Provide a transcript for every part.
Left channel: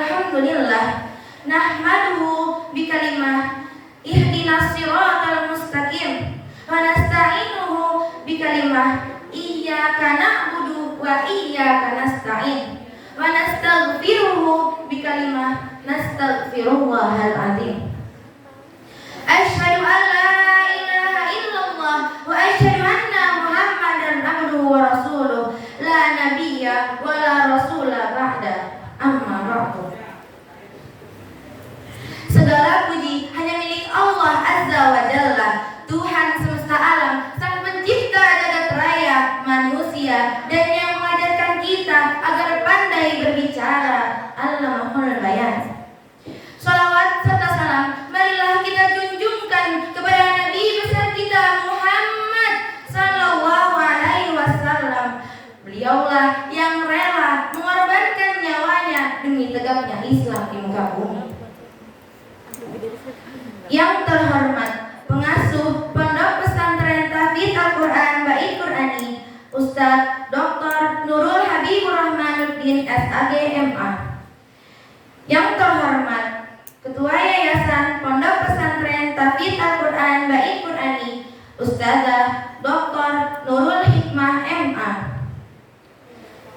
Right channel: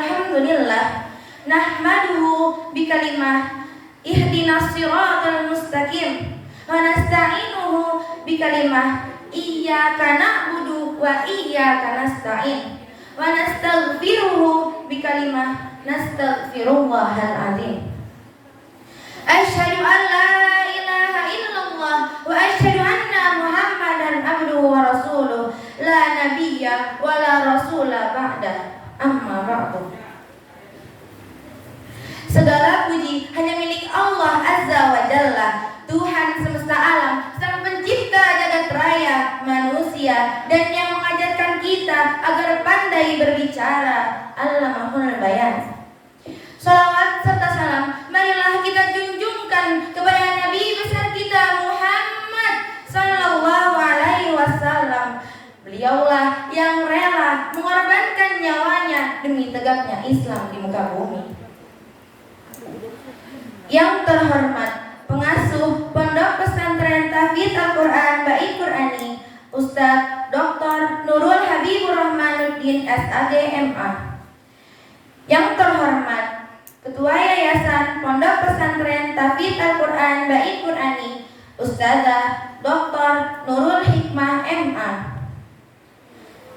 Alhamdulillah nahmaduhu bikalimah ihdinas siratal mustaqim wa nasta'inuhu bikalimah iyyaka na'budu wa iyyaka nasta'in wa nastaghfiruhu bikalimah nastaghfirullahal azim. Asyhadu an la ilaha illallah wa asyhadu anna Muhammadan abduhu wa rasuluh la nabiyya wa la rasula ba'da. Amma ba'du. Segala puji hanya milik Allah Azza wa Jalla, Tuhan semesta alam, Sang Pencipta jagat raya manusia, dan yang mengajarkan kita agar pandai berbicara. Allamahul bayan. Salawat serta salam marilah kita junjungkan kepada Nabi besar kita Muhammad sallallahu alaihi wasallam. Beliaulah yang rela mengorbankan nyawanya demi tegaknya Islam di muka bumi. Yang terhormat pengasuh Pondok Pesantren Tahfidz Al-Quran Bait Qurani Ustadz Dr. Nurul Habibur Rahmanuddin SAG MA. Yang terhormat Ketua Yayasan Pondok Pesantren Tahfidz Al-Quran Bait Qurani Ustadzah Dr. Nurul Hikmah MA.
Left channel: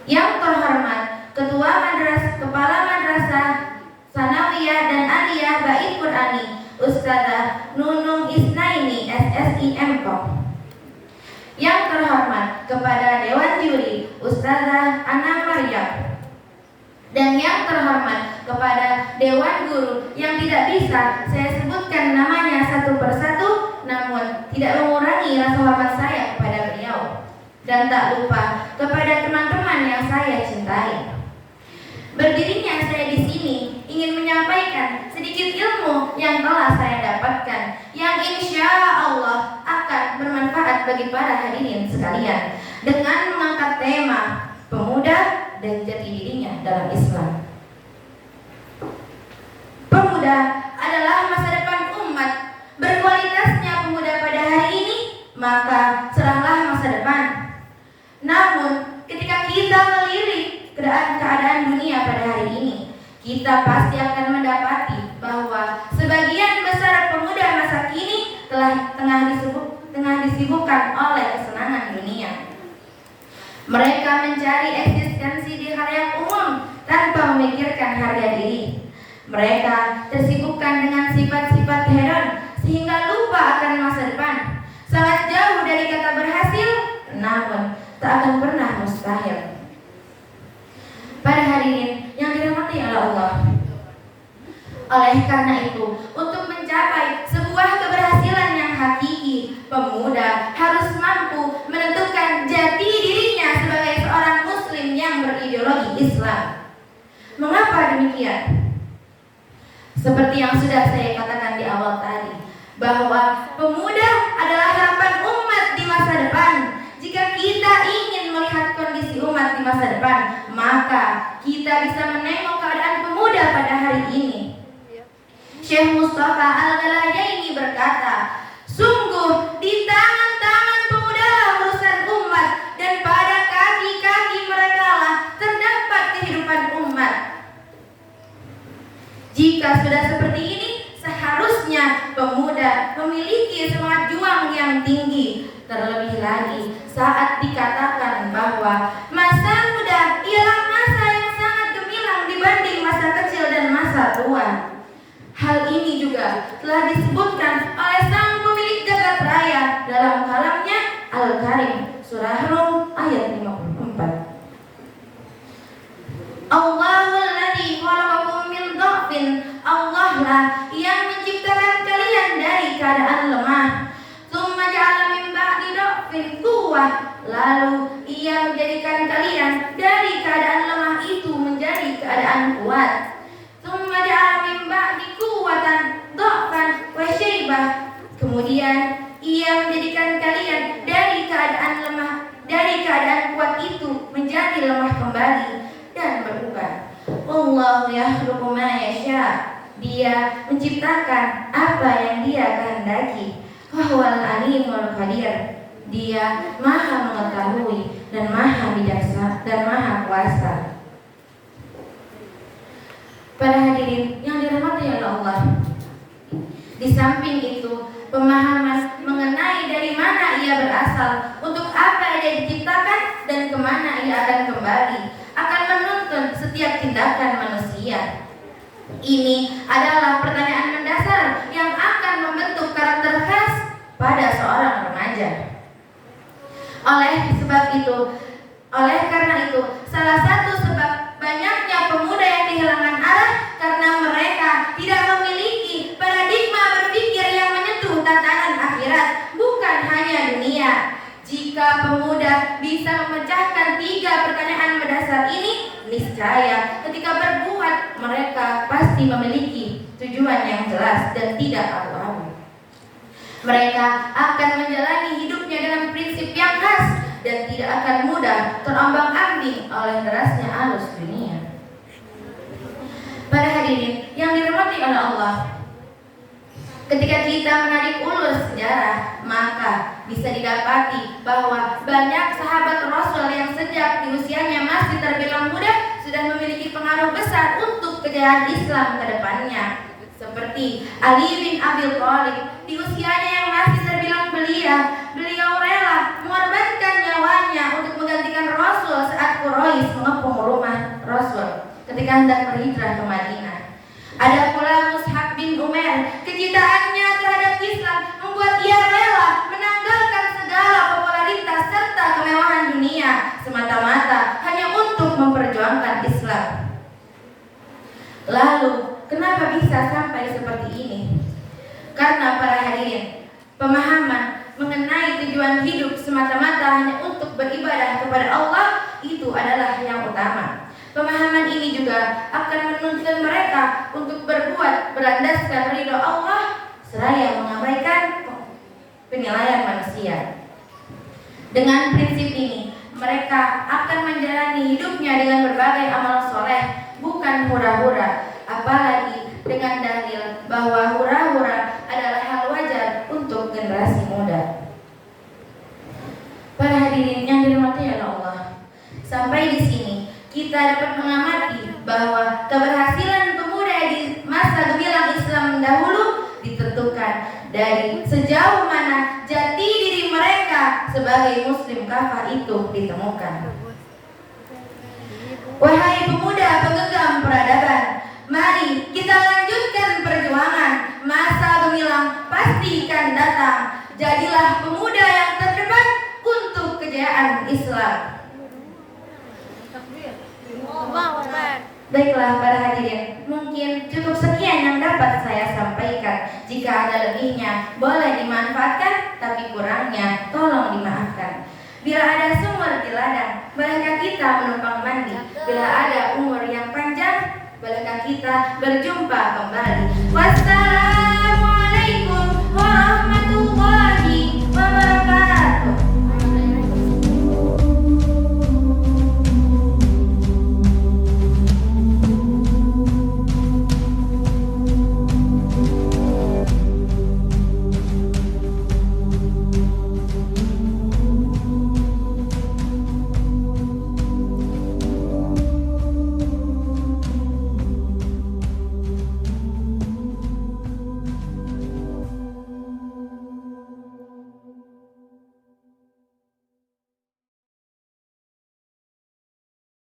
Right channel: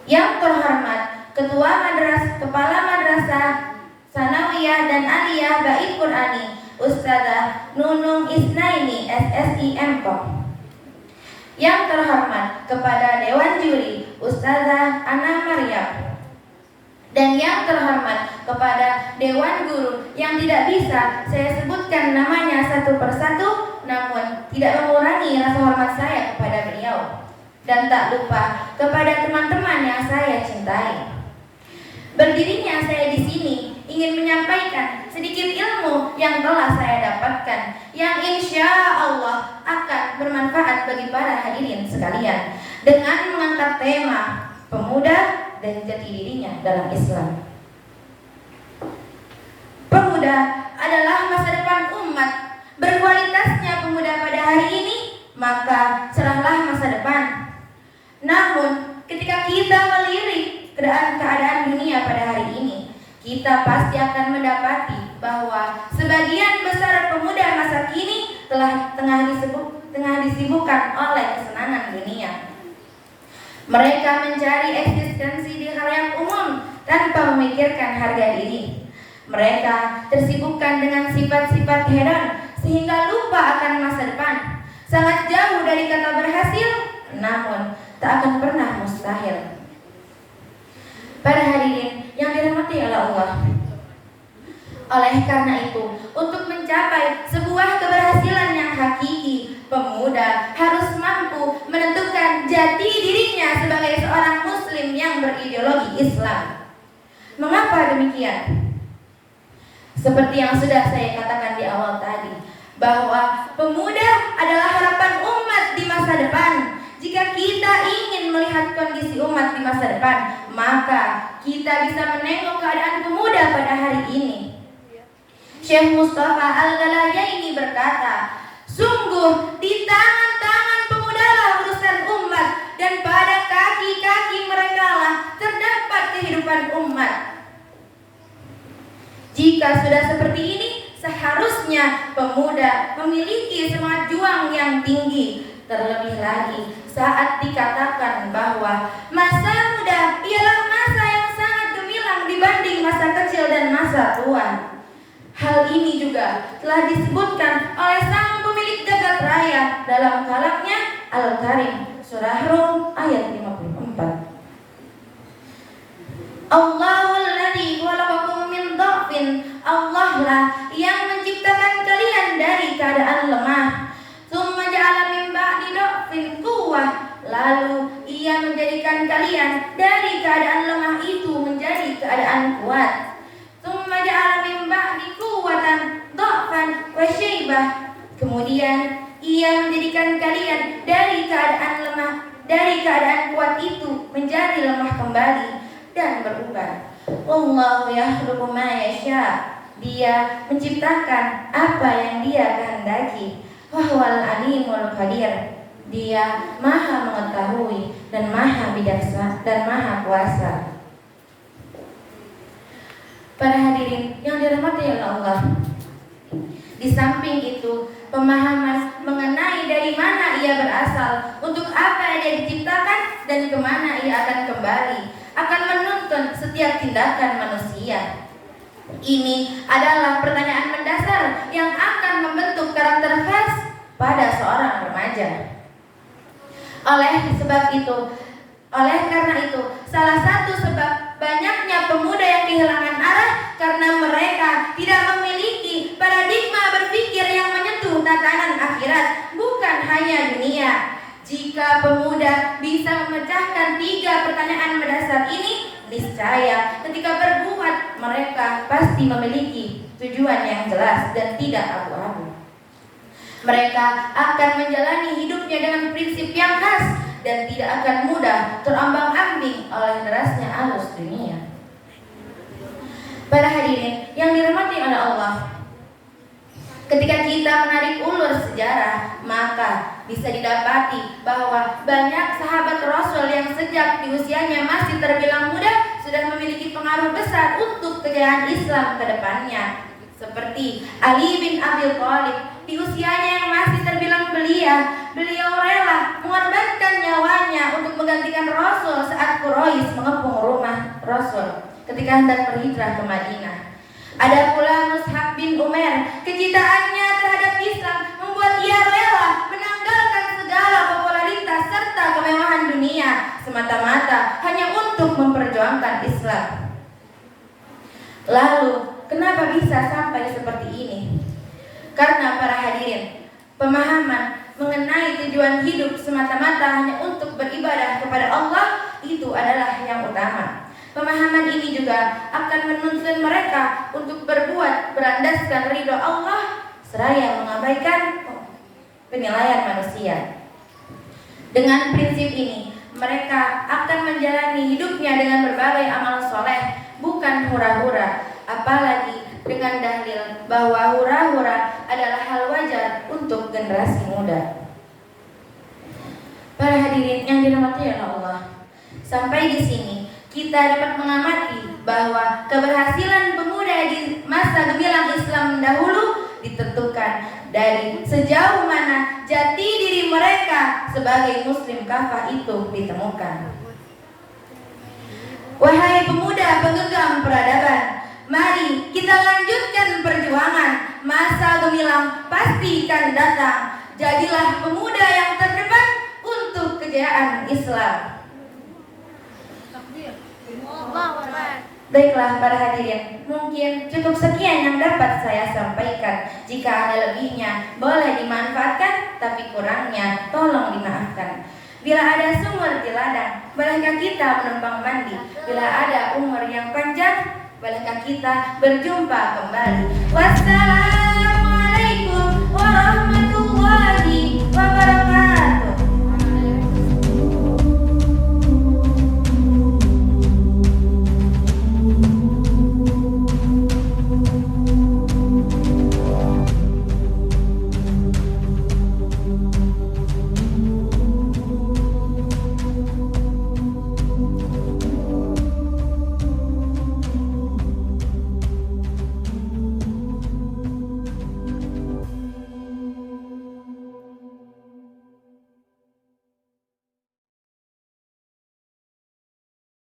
Yang terhormat Kepala Madrasah Sanawiyah dan Aliyah Bait Qurani Ustadzah Nunung Isnaini SSI MKOM. Yang terhormat kepada Dewan Juri Ustadzah Ana Maryam. Dan yang terhormat kepada Dewan Guru yang tidak bisa saya sebutkan namanya satu persatu, namun tidak mengurangi rasa hormat saya kepada beliau. Dan tak lupa kepada teman-teman yang saya cintai. Berdirinya saya di sini ingin menyampaikan sedikit ilmu yang telah saya dapatkan, yang insya Allah akan bermanfaat bagi para hadirin sekalian, dengan mengangkat tema pemuda dan jati dirinya dalam Islam. Pemuda adalah masa depan umat. Berkualitasnya pemuda pada hari ini, maka cerahlah masa depan. Namun ketika kita melirik keadaan dunia pada hari ini, kita pasti akan mendapati bahwa sebagian besar pemuda masa kini tengah disibukkan oleh kesenangan dunia. Mereka mencari eksistensi di khalayak umum tanpa memikirkan harga diri. Mereka tersibukkan dengan sifat-sifat hedon sehingga lupa akan masa depan. Sangat jauh dari kata berhasil, namun tak akan pernah mustahil. Para hadirin yang dirahmati oleh Allah, oleh karena itu, untuk mencapai sebuah keberhasilan yang hakiki, pemuda harus mampu menentukan jati dirinya sebagai seorang muslim yang berideologi Islam. Mengapa demikian? Seperti yang sudah saya katakan di awal tadi, bahwa pemuda adalah harapan umat di masa depan. Jika kita ingin melihat kondisi umat di masa depan, maka kita bisa menengok keadaan pemuda pada hari ini. Syekh Mustafa Al-Ghalayaini berkata, sungguh di tangan-tangan pemudalah urusan umat, dan pada kaki-kaki mereka lah terdapat kehidupan umat. Jika sudah seperti ini, seharusnya pemuda memiliki semangat juang yang tinggi. Terlebih lagi saat dikatakan bahwa masa muda ialah masa yang sangat gemilang dibanding masa kecil dan masa tua. Hal ini juga telah disebutkan oleh Sang Pemilik Jagat Raya dalam kalamnya Al-Karim, Surah Rum ayat 54. Allahul ladzi khalaqakum min dha'fin, Allah lah yang menciptakan kalian dari keadaan lemah. Tsumma ja'ala min ba'di dha'fin quwwah, lalu Ia menjadikan kalian dari keadaan lemah itu menjadi keadaan kuat. Tsumma ja'ala min ba'di quwwatan dha'fan wa syaibah, kemudian Ia menjadikan kalian dari keadaan kuat itu menjadi lemah kembali dan berubah. Allahu yakhluqu ma yasha, Dia menciptakan apa yang Dia kehendaki. Wahwal alimul qadir, Dia maha mengetahui dan maha bijaksana dan maha kuasa. Para hadirin yang dirahmati oleh Allah, di samping itu, pemahaman mengenai dari mana ia berasal, untuk apa ia diciptakan, dan kemana ia akan kembali, akan menuntun setiap tindakan manusia. Ini adalah pertanyaan mendasar yang akan membentuk karakter khas pada seorang remaja. Oleh karena itu, salah satu sebab banyaknya pemuda yang kehilangan arah karena mereka tidak memiliki paradigma berpikir yang menyentuh tatanan akhirat, bukan hanya dunia. Jika pemuda bisa memecahkan 3 pertanyaan mendasar ini, niscaya ketika berbuat mereka pasti memiliki tujuan yang jelas dan tidak abu-abu. Mereka akan menjalani hidupnya dengan prinsip yang khas dan tidak akan mudah terombang-ambing oleh derasnya arus dunia. Para hadirin yang dirahmati oleh Allah, ketika kita menarik ulur sejarah, maka bisa didapati bahwa banyak sahabat Rasul yang sejak di usianya masih terbilang muda sudah memiliki pengaruh besar untuk kejayaan Islam ke depannya. Seperti Ali bin Abi Thalib, di usianya yang masih terbilang belia, beliau rela mengorbankan nyawanya untuk menggantikan Rasul saat Quraisy mengepung rumah Rasul ketika hendak berhijrah ke Madinah. Ada pula Mus'ab bin Umair, kecintaannya terhadap Islam membuat ia rela menanggalkan segala popularitas serta kemewahan dunia semata-mata hanya untuk memperjuangkan Islam. Lalu, kenapa bisa sampai seperti ini? Karena para hadirin, pemahaman mengenai tujuan hidup semata-mata hanya untuk beribadah kepada Allah itu adalah yang utama. Pemahaman ini juga akan menuntun mereka untuk berbuat berlandaskan ridho Allah seraya mengabaikan penilaian manusia. Dengan prinsip ini, mereka akan menjalani hidupnya dengan berbagai amal soleh, bukan hura-hura, apalagi dengan dalil bahwa hura-hura adalah hal wajar untuk generasi muda. Para hadirin yang dirahmati oleh Allah, sampai di sini kita dapat mengamati bahwa keberhasilan pemuda di masa gemilang Islam dahulu ditentukan dari sejauh mana jati diri mereka sebagai muslim kafah itu ditemukan. Wahai pemuda penggenggam peradaban, mari kita lanjutkan perjuangan. Masa gemilang pasti akan datang. Jadilah pemuda yang terdepan untuk kejayaan Islam. Baiklah para hadirin, mungkin cukup sekian yang dapat saya sampaikan. Jika ada lebihnya, boleh dimanfaatkan, tapi kurangnya tolong dimaafkan. Bila ada sumur di ladang, bolehkah kita menumpang mandi? Bila ada umur yang panjang, bolehkah kita berjumpa kembali? Wassalamualaikum warahmatullahi